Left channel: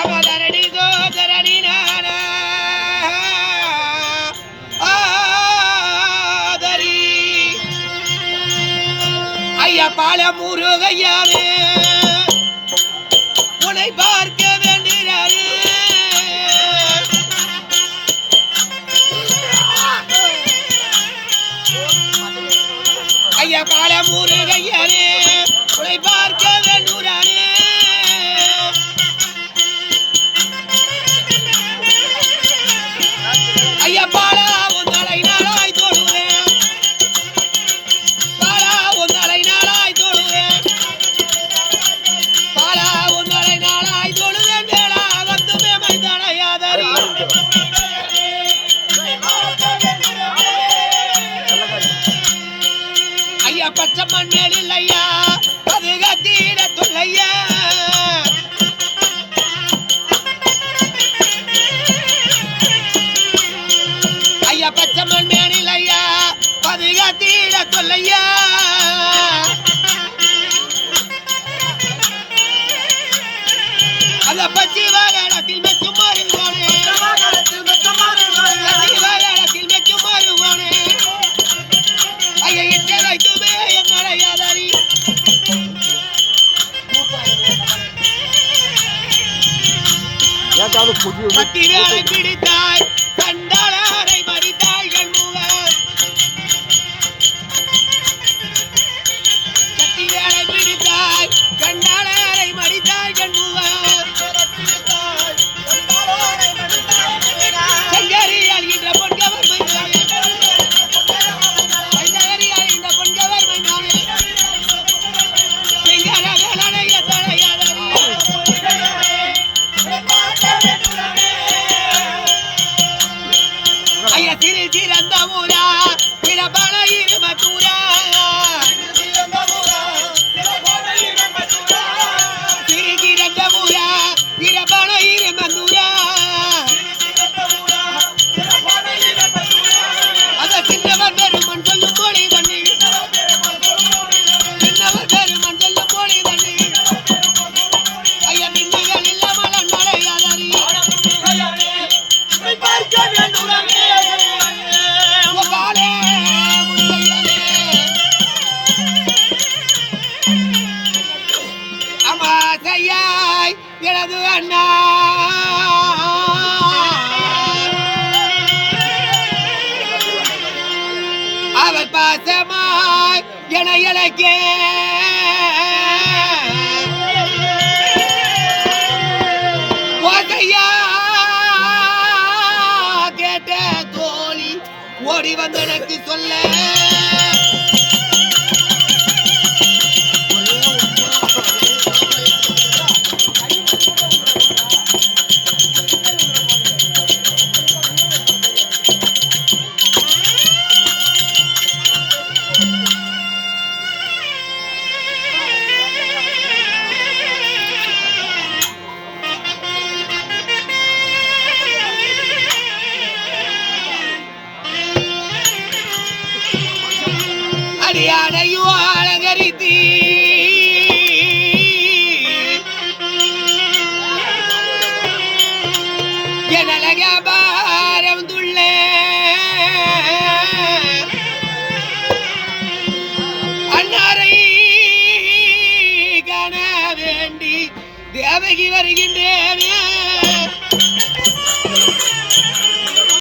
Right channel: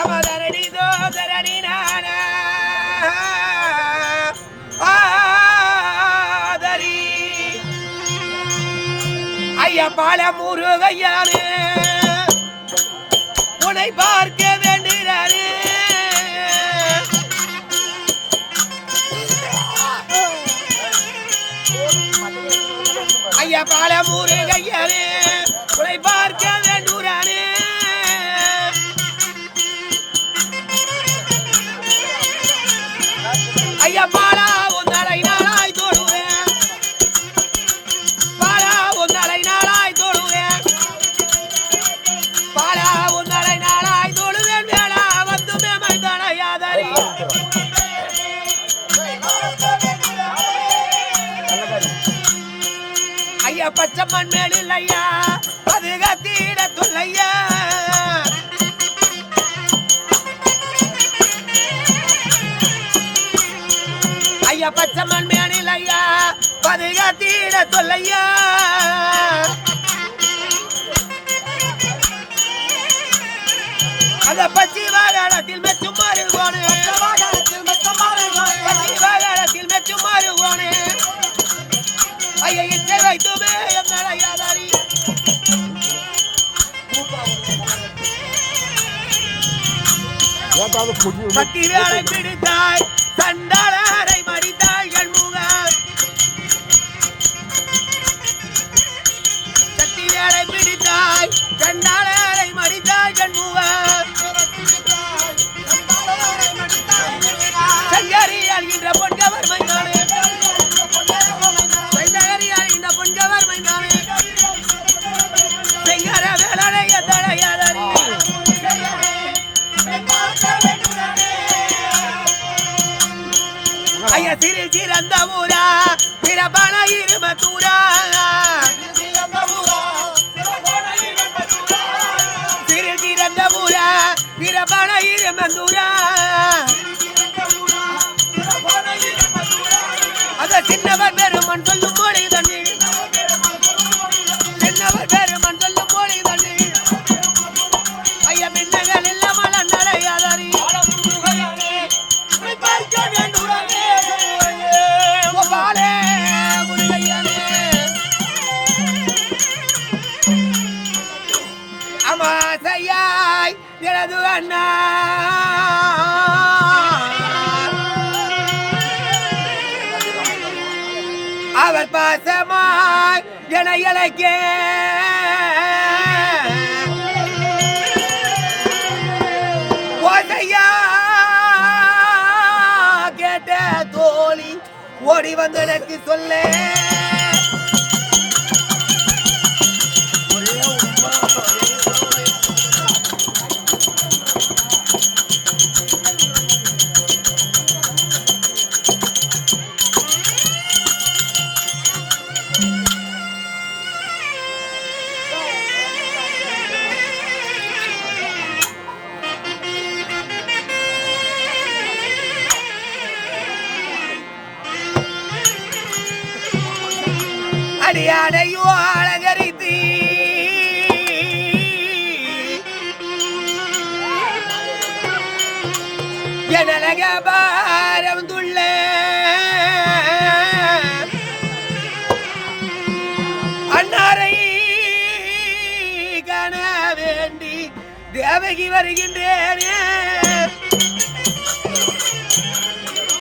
அவதரடி தோதரடி நானா ஆதரி ஐயா பால முருகையானே உன்னை பார்க்க வேண்டுகிறானே ஐயா பால முருகையானே உன்னை பார்க்க வேண்டுகிறானே ஐயா பாலா உன் நடை நாளாய் தோடுவேன் பாலா உன் நடை நாளாய் தோடுவேன் பாலா உன் நடை நாளாய் தோடுவேன் வேளா வந்து மேமை தடையாதரி ஐயா பச்சை மண்ணில் ஐயா அது கத்தீட துள்ளையா ஐயா பச்சை மண் மேனில் ஐயா பதுகாத்தீட சொல்லையா அந்த பச்சி வாகனத்தில் மெச்சும் மாறுவானே பச்சி வாகனத்தில் மெச்சும் மாறுவானே ஐயா இட்டை வைத்துமே என் நடையாதாரி பக்தி வேலை பிடித்தாய் சண்டாளரை மறித்தாள் கண்முக சக்தி வேலை பிடித்தாய் சண்டாளரை மறித்தாள் கண்முக சங்கரி அழுகின்ற பொன்கவர் மைதானே சங்கரி அழுகின்ற பொன்கவர் மைதானே செங்கர வேலைய தடையாதரி ஐயா சிறு சிறந்த ஊரா பிறப்பான இருமத்தூரா சிறு சிறந்த ஊரா பிறப்பான இருமந்தூரா அத சின்னவர் பெருமன் சொல்லும் மொழி தண்ணி சின்னவர் பெருமன் சொல்லும் மொழி தண்ணி ஐயா பின்னங்கள் இல்லாமல் நடையாதாரி அமாசையாய் எனது அண்ணா அவர் பாசமாய் என இலக்கே ஓசையா கேட்ட தோழி ஓடி வந்து எனக்கு சொல்ல அடியாடையோ அலங்கரித்து எனலக பாரந்துள்ள அன்னாரை காண வேண்டி தேவகி வருகின்றேனே